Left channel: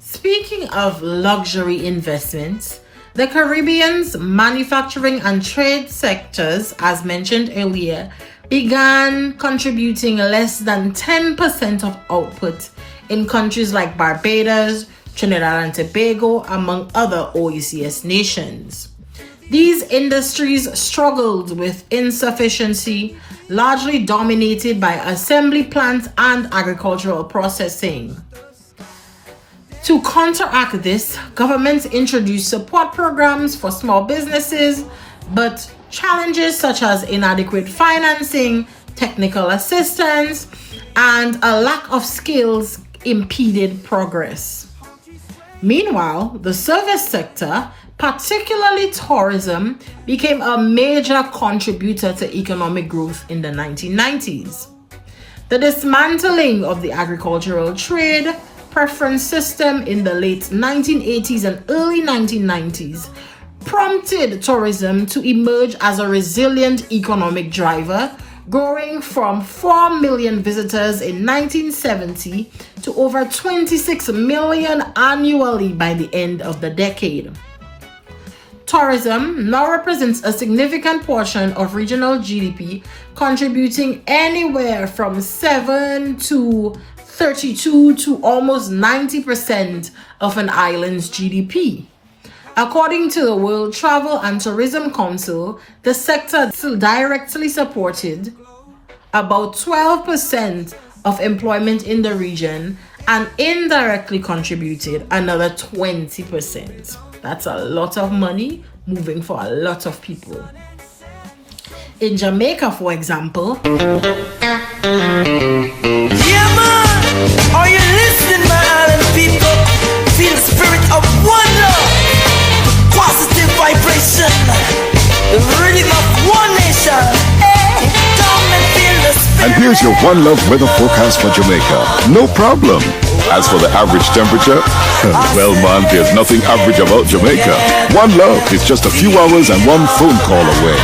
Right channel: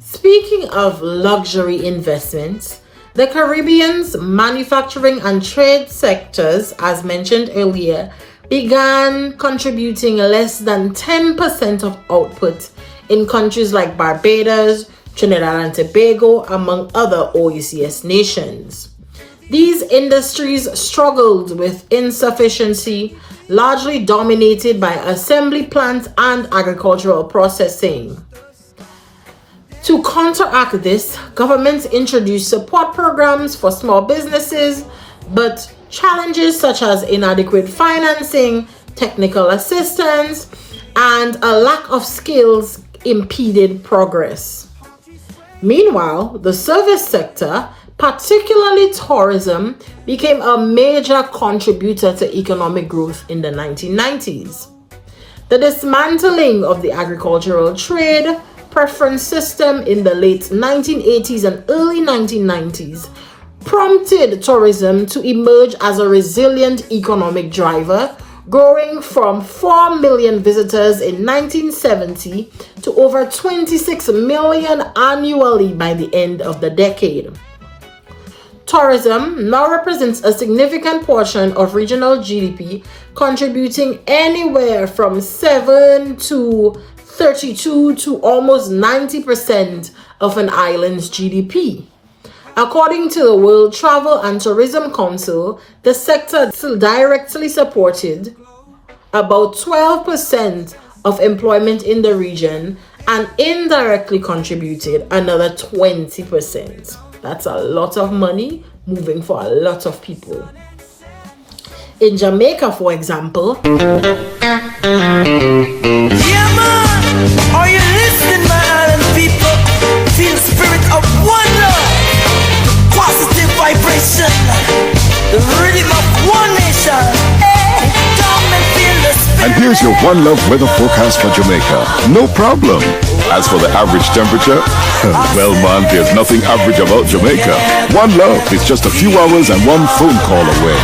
Speaking of luxury investments, the Caribbean's manufacturing and trade sectors, as mentioned earlier, began contributing less than 10% of output in countries like Barbados, Trinidad and Tobago, among other OECS nations. These industries struggled with insufficiency, largely dominated by assembly plants and agricultural processing. To counteract this, governments introduced support programs for small businesses, but challenges such as inadequate financing, technical assistance, and a lack of skills impeded progress. Meanwhile, the service sector, particularly tourism, became a major contributor to economic growth in the 1990s. The dismantling of the agricultural trade preference system in the late 1980s and early 1990s prompted tourism to emerge as a resilient economic driver, growing from 4 million visitors in 1970 to over 26 million annually by the end of the decade. Tourism now represents a significant portion of regional GDP, contributing anywhere from 7 to 32 to almost 90% of an island's GDP. According to the World Travel and Tourism Council, the sector directly supported about 12% of employment in the region and indirectly contributed another 20%. That's a lot of money moving for a lot of people. In Jamaica, for example, yeah man, are you listening, my island people? Feel the spirit of one love, positive vibration, the rhythm of one nation. Hey, come and feel the spirit. And here's your One Love weather forecast for Jamaica. No problem. As for the average temperature, well man, there's nothing average about Jamaica. One Love is just a few hours and one phone call away.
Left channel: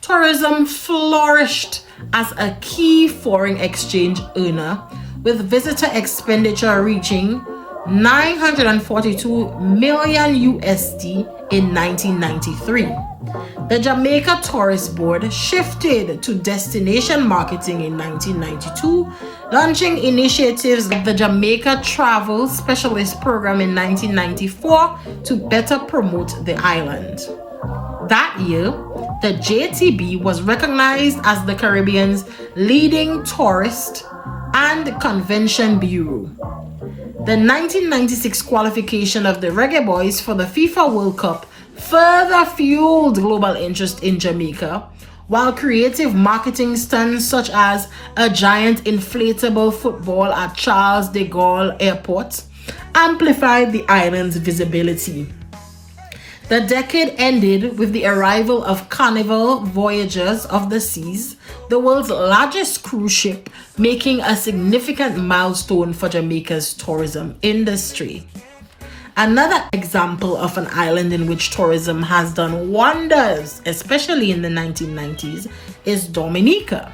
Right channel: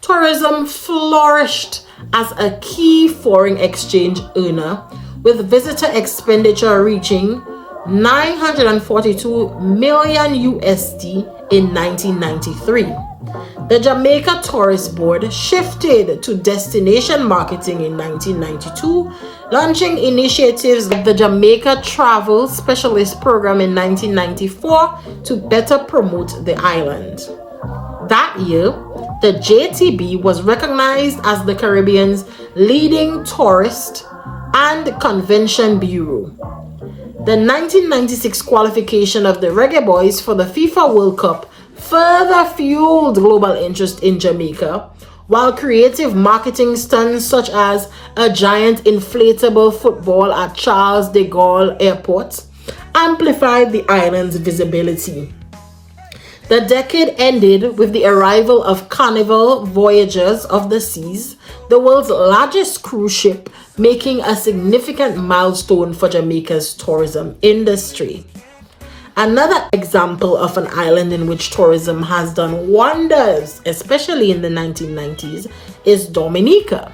Tourism flourished as a key foreign exchange earner, with visitor expenditure reaching 942 million USD in 1993. The Jamaica Tourist Board shifted to destination marketing in 1992, launching initiatives like the Jamaica Travel Specialist Program in 1994 to better promote the island. That year, the JTB was recognized as the Caribbean's leading tourist and convention bureau. The 1996 qualification of the Reggae Boys for the FIFA World Cup further fueled global interest in Jamaica, while creative marketing stunts such as a giant inflatable football at Charles de Gaulle Airport amplified the island's visibility. The decade ended with the arrival of Carnival Voyagers of the Seas, the world's largest cruise ship, making a significant milestone for Jamaica's tourism industry. Another example of an island in which tourism has done wonders, especially in the 1990s, is Dominica.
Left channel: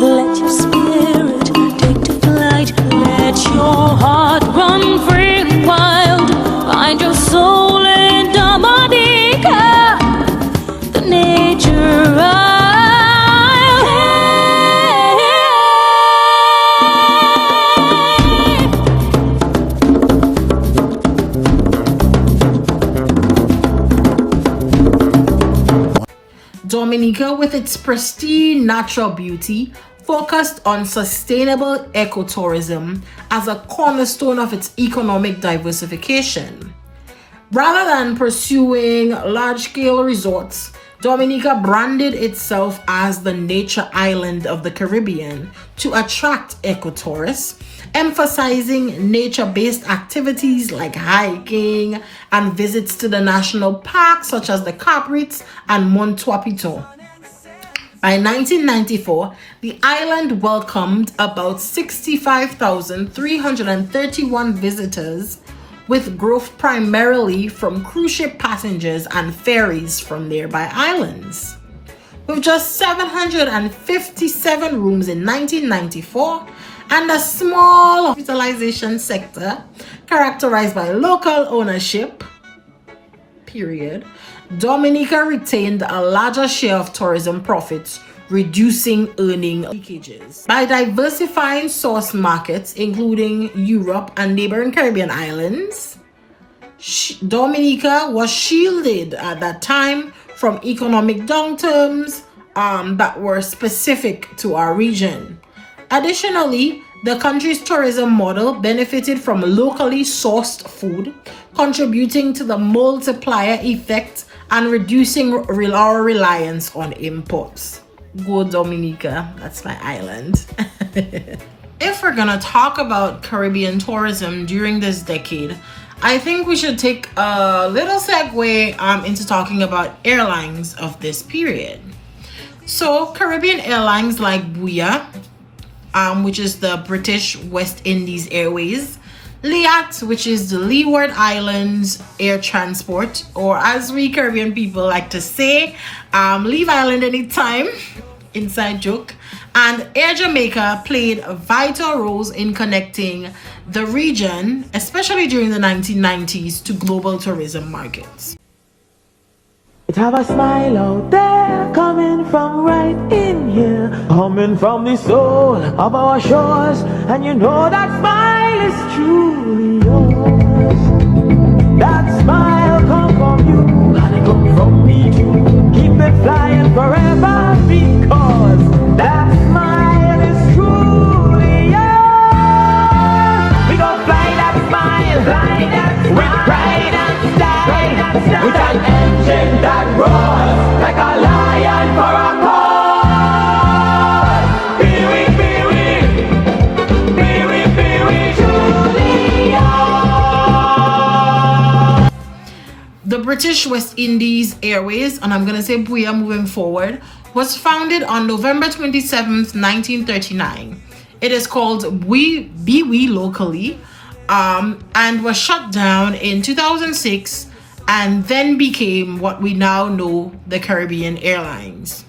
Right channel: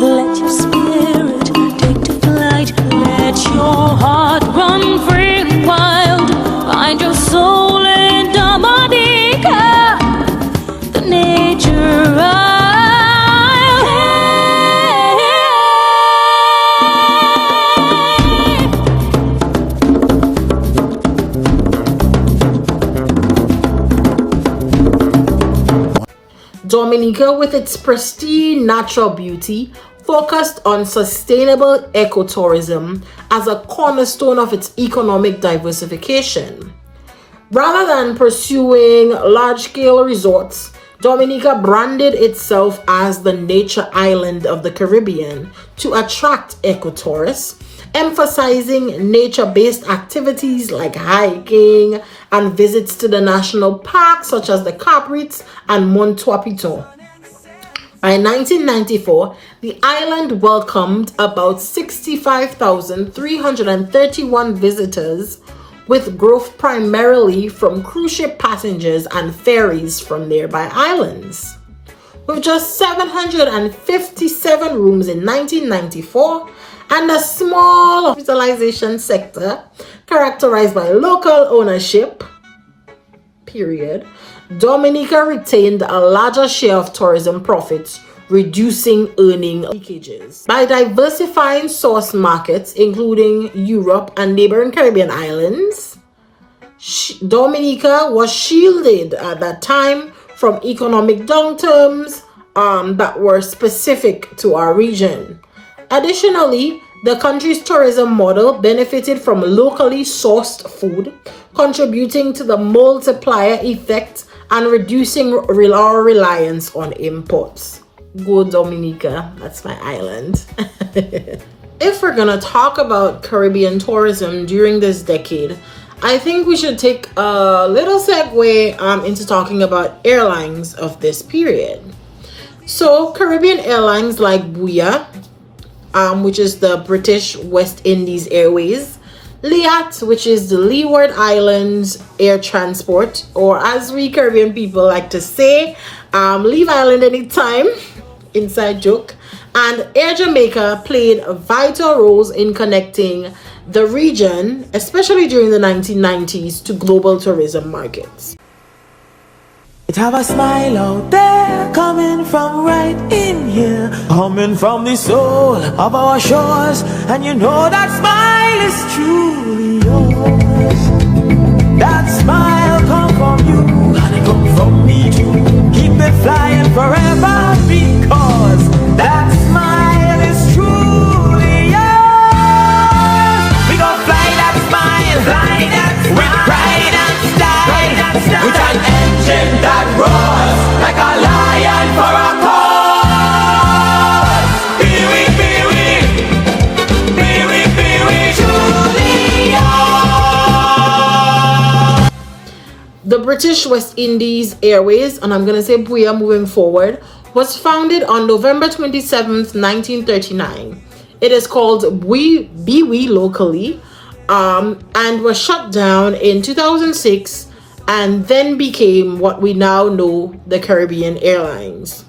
Let your spirit take to flight, let your heart run free and wild, find your soul in Dominica, the nature isle. Dominica, with its pristine natural beauty, focused on sustainable ecotourism as a cornerstone of its economic diversification. Rather than pursuing large-scale resorts, Dominica branded itself as the nature island of the Caribbean to attract ecotourists, emphasizing nature-based activities like hiking and visits to the national parks such as the Caprites and Mont Piton. By 1994, the island welcomed about 65,331 visitors, with growth primarily from cruise ship passengers and ferries from nearby islands. with just 757 rooms in 1994 and a small hospitalization sector characterized by local ownership, period, Dominica retained a larger share of tourism profits, reducing earning leakages. By diversifying source markets, including Europe and neighboring Caribbean islands, Dominica was shielded at that time from economic downturns that were specific to our region. Additionally, the country's tourism model benefited from locally sourced food, contributing to the multiplier effect and reducing our reliance on imports. Go Dominica, that's my island. If we're gonna talk about Caribbean tourism during this decade, I think we should take a little segue into talking about airlines of this period. So Caribbean airlines like BWIA, which is the British West Indies Airways, LIAT, which is the Leeward Islands Air Transport, or as we Caribbean people like to say, leave island anytime, inside joke, and Air Jamaica played vital roles in connecting the region, especially during the 1990s, to global tourism markets. It have a smile out there, coming from right in here, coming from the soul of our shores, and you know that smile is truly yours. That smile come from you, and it come from me too. Keep it flying forever, because that smile is truly yours. We gon' fly that smile, with pride and style, with an engine that roars like a lion for a cause. Truly yours. The British West Indies Airways, and I'm gonna say BWIA moving forward, was founded on November 27th, 1939. It is called BWIA locally, and was shut down in 2006 and then became what we now know the Caribbean Airlines.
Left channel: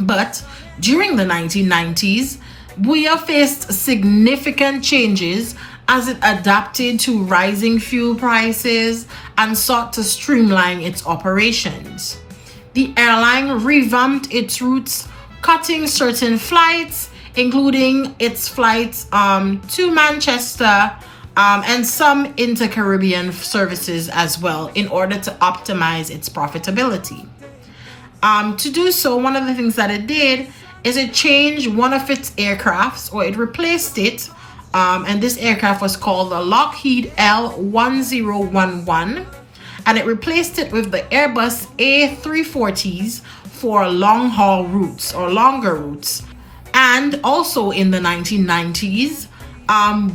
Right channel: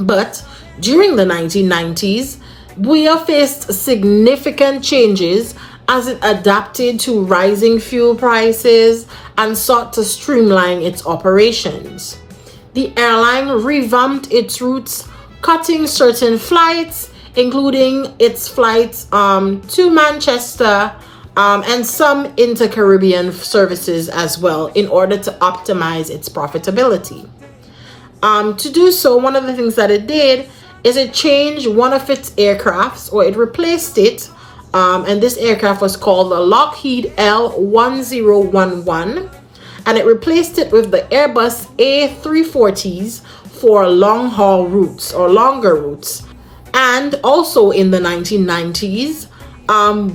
But during the 1990s, BWIA faced significant changes as it adapted to rising fuel prices and sought to streamline its operations. The airline revamped its routes, cutting certain flights, including its flights to Manchester and some inter-Caribbean services as well, in order to optimize its profitability. To do so, one of the things that it did is it changed one of its aircrafts, or it replaced it, and this aircraft was called the Lockheed L1011, and it replaced it with the Airbus A340s for long-haul routes or longer routes. And also in the 1990s,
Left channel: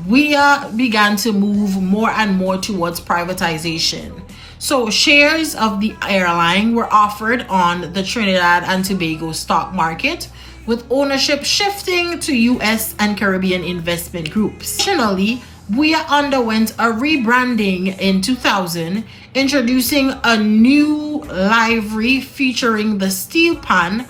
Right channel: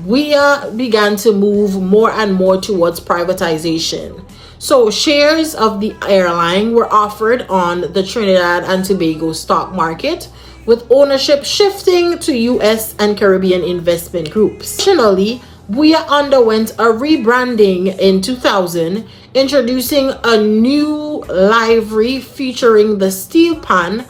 we began to move more and more towards privatization. So shares of the airline were offered on the Trinidad and Tobago stock market, with ownership shifting to US and Caribbean investment groups. Additionally, BWIA underwent a rebranding in 2000, introducing a new livery featuring the steel pan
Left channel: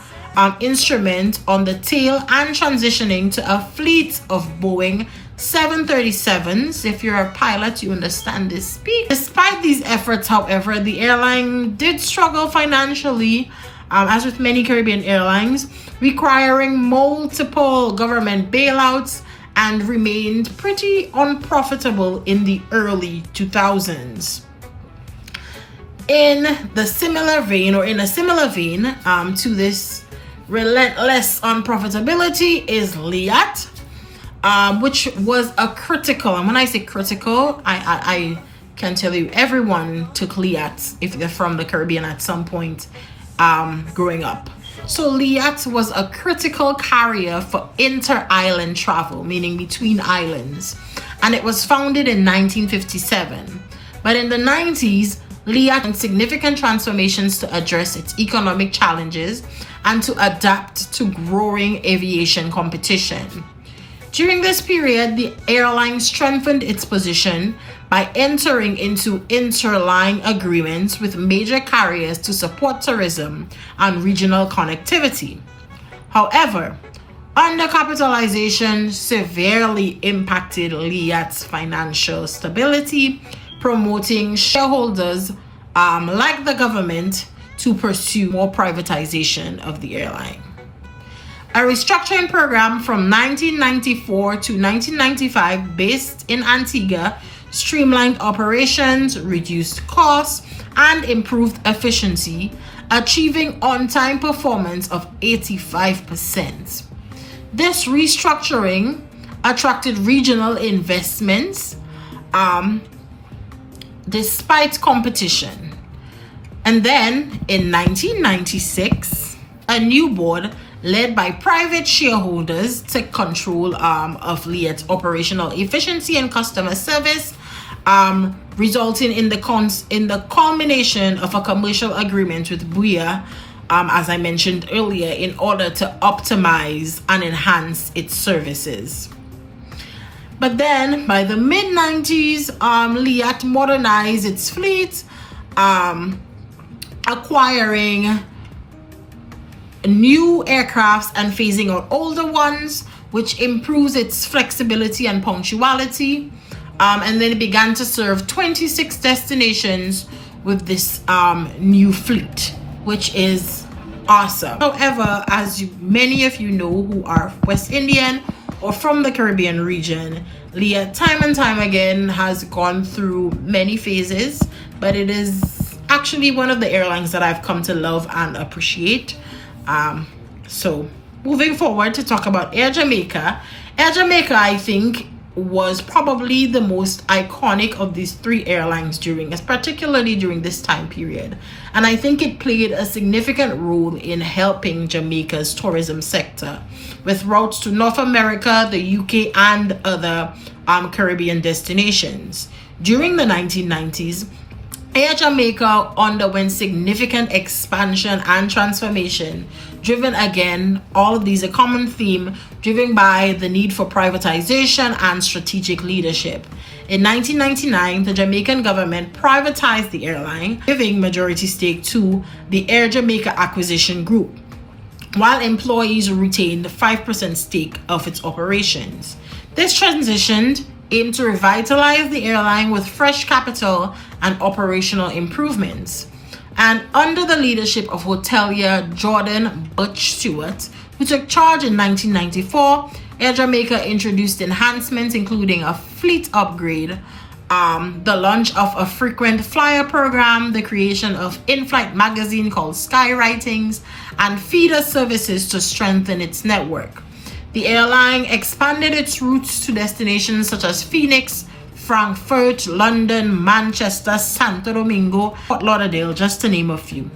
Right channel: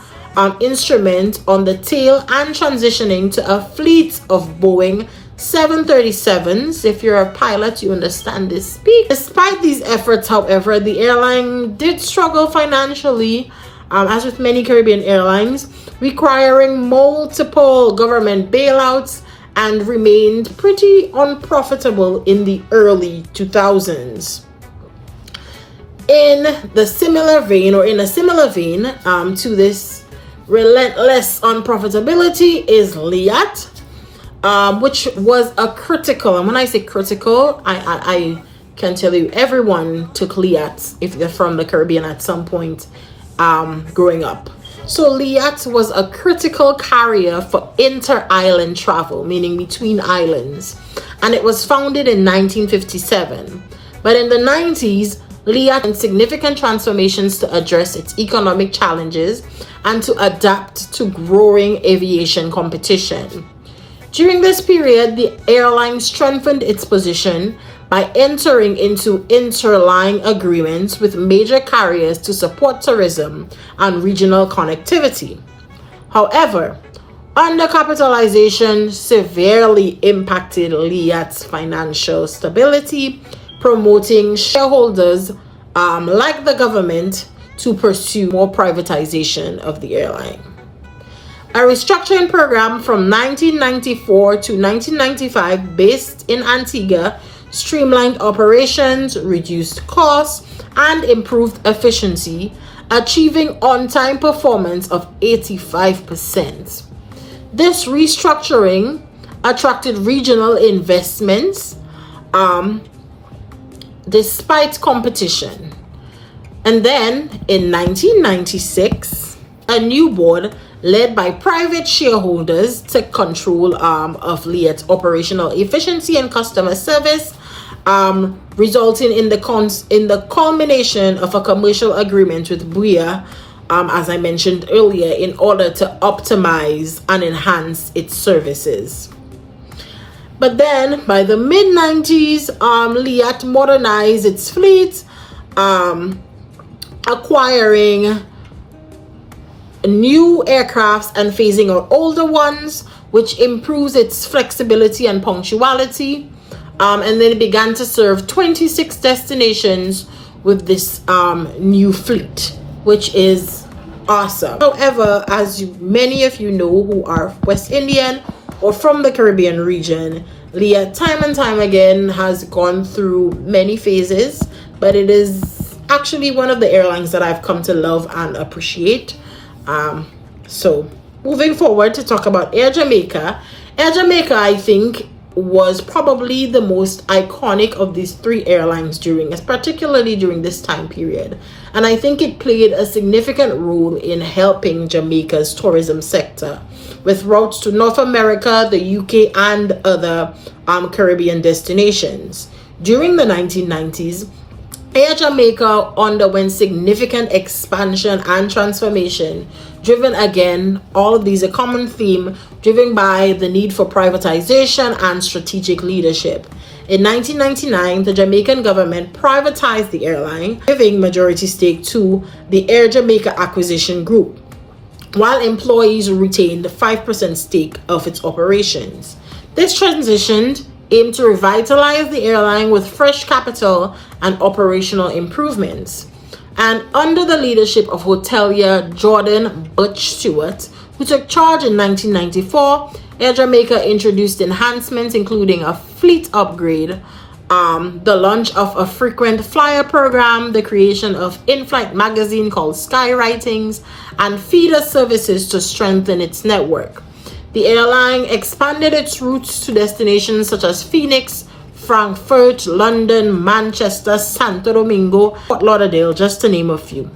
instrument on the tail and transitioning to a fleet of Boeing 737s. If you're a pilot, you understand this speak. Despite these efforts, however, the airline did struggle financially, as with many Caribbean airlines, requiring multiple government bailouts, and remained pretty unprofitable in the early 2000s. In a similar vein to this relentless unprofitability is LIAT, which was a critical, and when I say critical, I can tell you everyone took LIAT if they're from the Caribbean at some point growing up. So LIAT was a critical carrier for inter-island travel, meaning between islands, and it was founded in 1957. But in the 90s, LIAT made significant transformations to address its economic challenges and to adapt to growing aviation competition. During this period, the airline strengthened its position by entering into interline agreements with major carriers to support tourism and regional connectivity. However, undercapitalization severely impacted LIAT's financial stability, promoting shareholders like the government to pursue more privatization of the airline. A restructuring program from 1994 to 1995 based in Antigua streamlined operations, reduced costs, and improved efficiency, achieving on-time performance of 85%. This restructuring attracted regional investments despite competition. And then in 1996, a new board led by private shareholders took control of LIAT's operational efficiency and customer service, resulting in the culmination of a commercial agreement with BWIA, as I mentioned earlier, in order to optimize and enhance its services. But then, by the mid-90s, LIAT modernized its fleet, acquiring new aircrafts and phasing out older ones, which improves its flexibility and punctuality. And then it began to serve 26 destinations with this new fleet, which is awesome. However, as many of you know who are West Indian or from the Caribbean region, LIAT time and time again has gone through many phases, but it is actually one of the airlines that I've come to love and appreciate. So moving forward to talk about Air Jamaica. Air Jamaica, I think, was probably the most iconic of these three airlines particularly during this time period. And I think it played a significant role in helping Jamaica's tourism sector with routes to North America, the UK, and other Caribbean destinations. During the 1990s, Air Jamaica underwent significant expansion and transformation, driven again, all of these a common theme, driven by the need for privatization and strategic leadership. In 1999, the Jamaican government privatized the airline, giving majority stake to the Air Jamaica Acquisition Group, while employees retained 5% stake of its operations. This transition aimed to revitalize the airline with fresh capital and operational improvements. And under the leadership of hotelier Jordan Butch Stewart, who took charge in 1994, Air Jamaica introduced enhancements including a fleet upgrade, the launch of a frequent flyer program, the creation of in-flight magazine called Skywritings, and feeder services to strengthen its network. The airline expanded its routes to destinations such as Phoenix, Frankfurt, London, Manchester, Santo Domingo, Fort Lauderdale, just to name a few.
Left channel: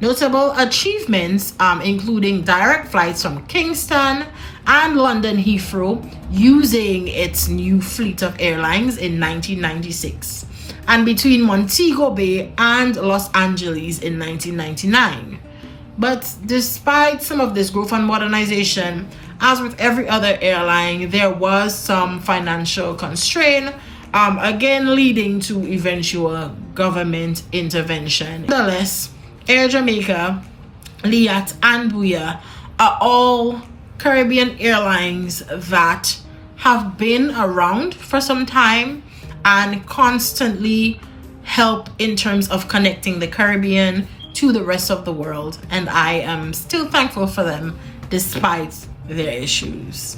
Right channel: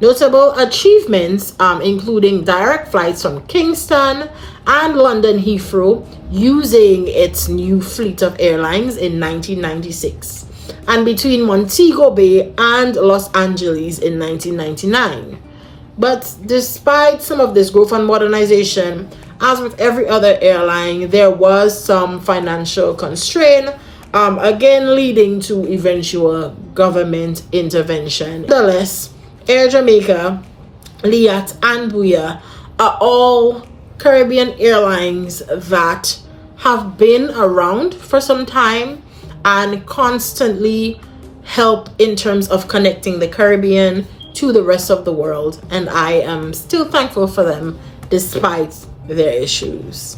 Notable achievements including direct flights from Kingston and London Heathrow using its new fleet of airlines in 1996, and between Montego Bay and Los Angeles in 1999. But despite some of this growth and modernization, as with every other airline, there was some financial constraint, again leading to eventual government intervention. Nonetheless, Air Jamaica, LIAT, and BWIA are all Caribbean airlines that have been around for some time and constantly help in terms of connecting the Caribbean to the rest of the world. And I am still thankful for them despite their issues.